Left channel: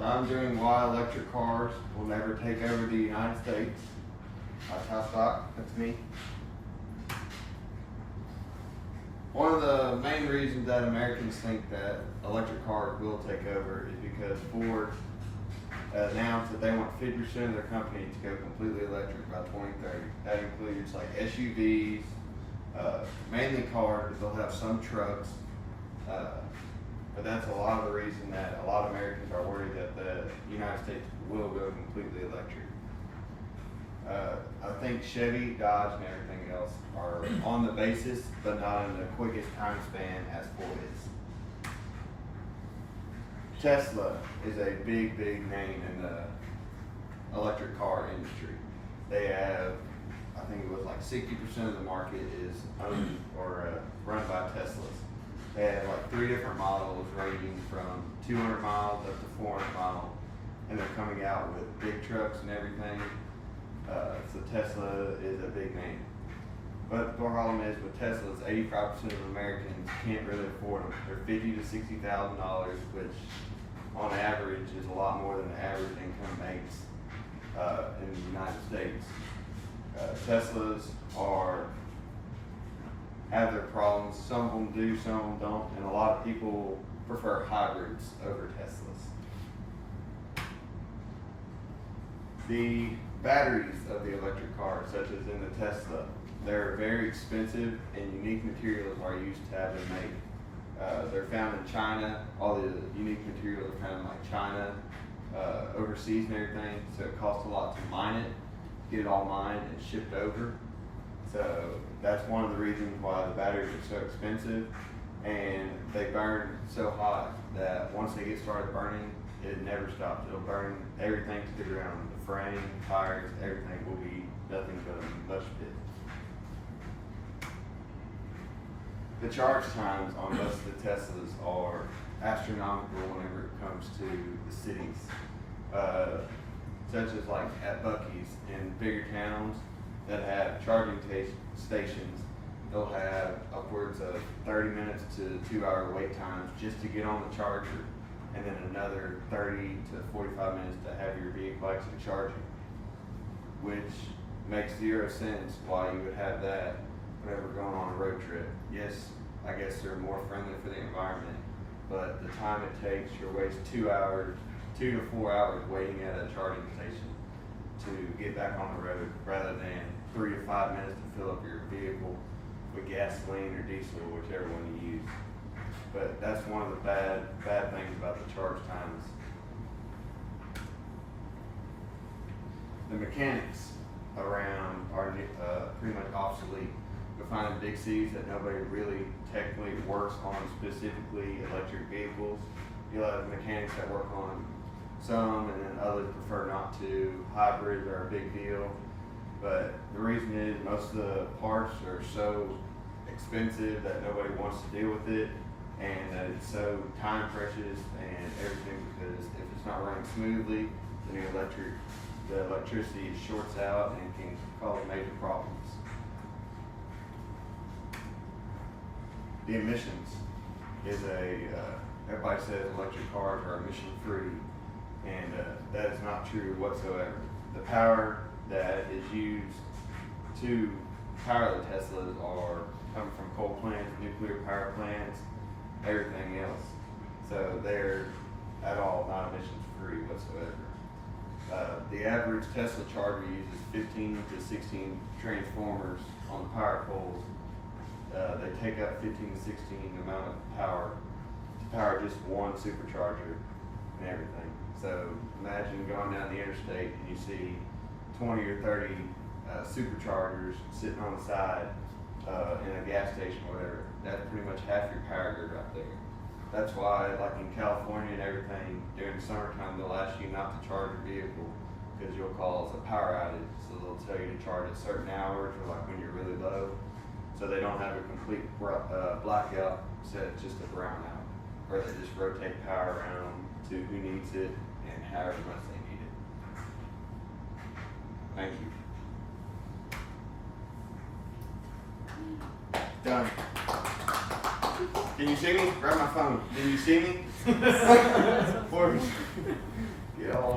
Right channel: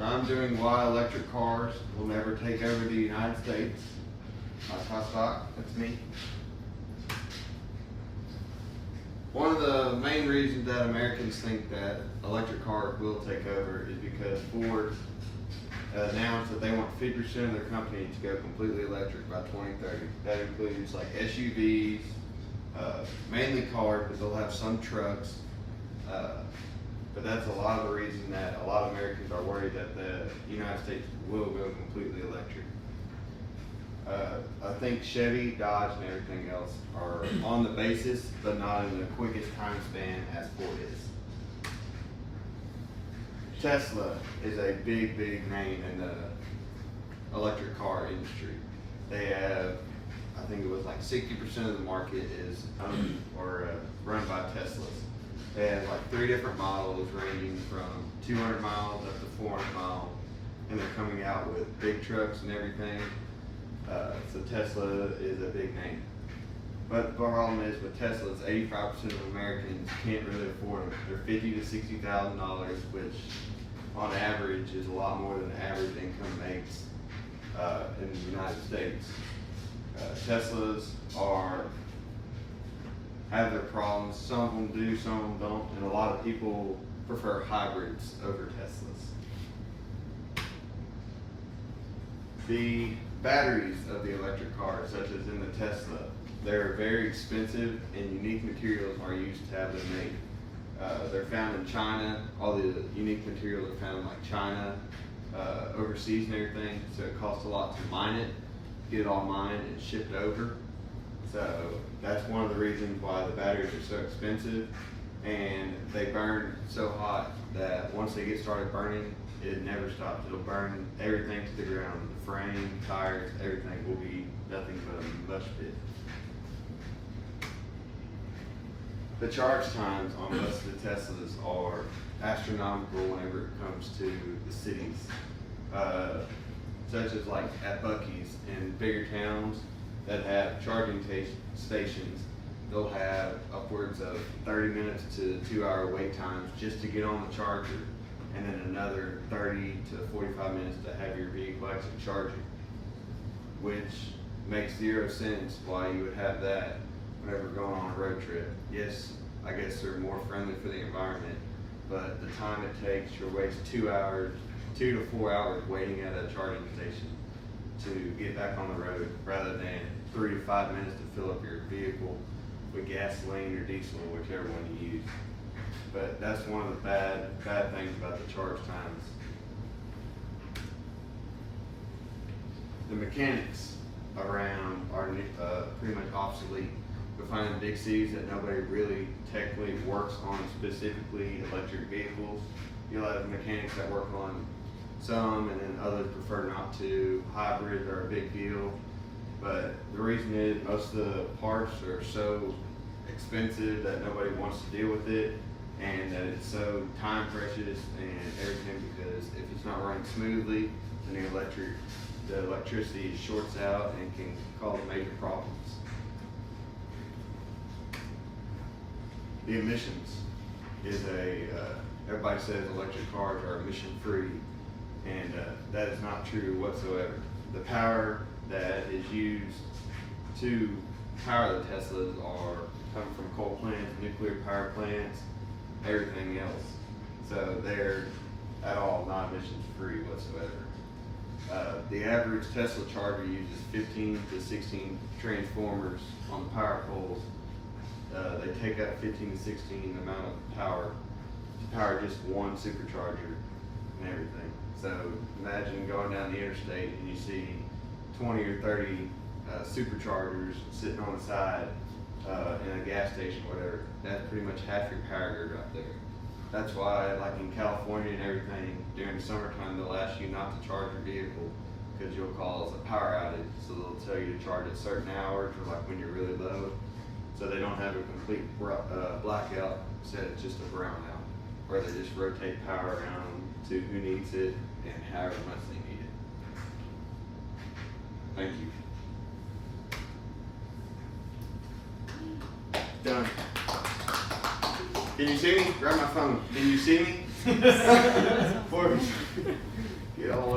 So I'm doing why electric cars will never take over the United States. That's how stock, that's me. One of the main reasons that Americans think that electric cars will take over is because Ford announced that they want 50% of their company to go completely electric by 2030. That includes like SUVs, mainly cars, but they'll have some trucks. But that's a lot of the reason that a lot of Americans are worried that the United States will go completely electric. I think Chevy, Dodge, and everything else are on the basis, but not in the quickest time span as Ford is. Tesla is a big, big name in the electric car industry. They have, I think it was like 60% of the market is owned or run by Teslas. They have like 3 different models ranging from 200 miles up to 400 miles, and they're coming out with big trucks and everything. So Tesla is a big name. But the problem is with Teslas, 85% of Americans can't really afford them. They're $50,000 to $60,000, which on average is a lot more than the average income makes in the United States. Teslas have their problems. Some of them do, some of them don't, and a lot of people prefer hybrids over Teslas. The batteries of the electric cars, such as in the Tesla, they're very expensive and unique materials are used to have them made. They're found in China. All the unique materials are found in like China, overseas and everything, so it costs a lot to mine it, get it all mined and shipped over. So that's one of the reasons why the batteries are so expensive, and they burn so hot that once they get started burning, it never stops. It'll burn everything to the ground. The frame, tires, everything will be nothing but a mush pit. The charge times on most of the Teslas are astronomical whenever it comes to the cities. Such as like at Buc-ee's in bigger towns that have charging stations, they'll have upwards of 30 minutes to 2-hour wait times just to get on the charger, and then another 30 to 45 minutes to have your vehicle actually charging, which makes 0 sense why you would have that whenever going on a road trip. Yes, I guess they're more friendly for the environment, but the time it takes, you're wasting 2 to 4 hours waiting at a charging station to get back on the road, rather than 3 to 5 minutes to fill up your vehicle with gasoline or diesel, whichever one you use. But that's one of the bad things about the charge times. The mechanics around are pretty much obsolete. You'll find in big cities that nobody really technically works on specifically electric vehicles. You'll have mechanics that work on some, and then others prefer not to. Hybrids are a big deal, but the reason is most of the parts are so expensive that nobody wants to deal with it, and that it's so time precious and everything, because if it's not running smoothly, then the electricity shorts out and can cause major problems. The emissions is everybody says electric cars are emission free, and that is not true whatsoever. The power that is used to power the Teslas are coming from coal plants, nuclear power plants, everything else. So they're at all not emissions free whatsoever. The average Tesla charger uses 15 to 16 transformers on the power poles. They take up 15 to 16 amount of power to power just one supercharger and everything. So imagine going down the interstate and you see 20 or 30 superchargers sitting on the side in a gas station or whatever. That's pretty much half your power grid right there. That's why, like in California and everything, during the summertime, they'll ask you not to charge your vehicle because you'll cause a power outage. So they'll tell you to charge at certain hours or like when you're really low. So they don't have a complete blackout, set just a brownout, where they just rotate power around to who needs it and however much they need it. Thank you. Done. Can you see me? Grab my phone. Can you see me? Before we get all